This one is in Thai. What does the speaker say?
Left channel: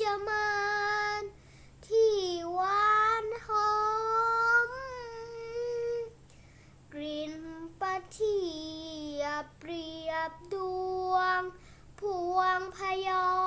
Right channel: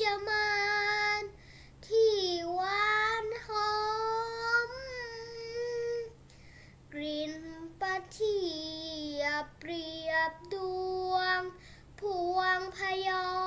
จะมานที่หวานหอม กลิ่นปะทีปเปรียบดวงพวงพยอม